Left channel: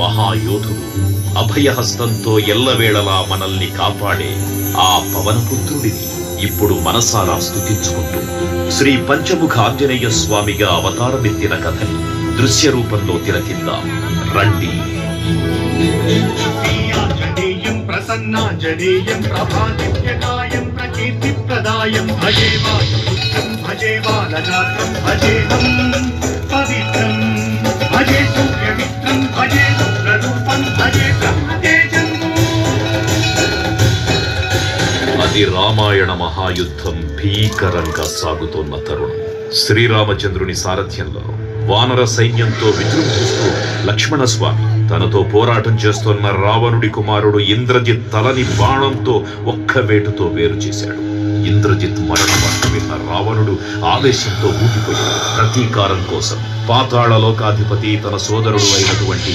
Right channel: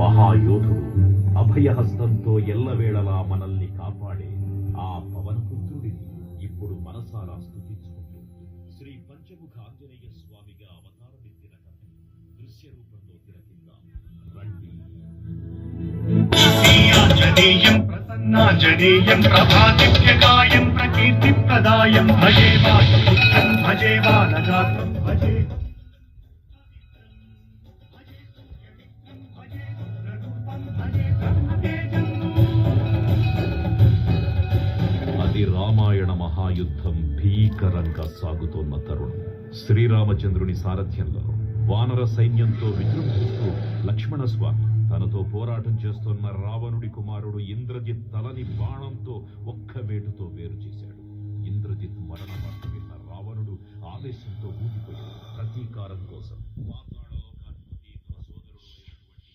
మహాయోధుడు, అభయహస్తంతో ఎల్లవేళలా మనల్ని కాపాడే ఆ పవనపుత్రుడిని ఇప్పుడు మనసారా స్తుతించుకుంటూ శ్రీ పంచముఖ ఆంజనేయ స్వామిగా అవతారమెత్తిన కథని దృశ్య రూపంలో తిలకిద్దాం రండి. ప్రసన్నాంజనేయం ప్రభాదివ్యగాయం ప్రకీర్తిప్రదాయం భజే వాయుపుత్రం భజే బాలగాత్రం భజేహం పవిత్రం భజే సూర్యమిత్రం భజే రుద్రరూపం భజే బ్రహ్మతేజం. అది రామాయణ మహాయుద్ధం భీకరంగా సాగుతోన్న తరుణం. శ్రీరామచంద్రుని సారథ్యంలో వానర సైన్యంతో విజృంభిస్తూ లక్ష్మణస్వామి తనతో పోరాటం చేస్తున్న రావణుడి కుమారుడు ఇంద్రజిత్ తలని బాణంతో ఒక్క వేటుతో వేరు చేశాడు. ఇంద్రజిత్ మరణ వార్త విన్న రావణుడు ఆవేశంతో ఊగిపోయాడు. ప్రతీకారం కోసం పాతాళ లోకాధిపతి తన సోదరుడు అయినటువంటి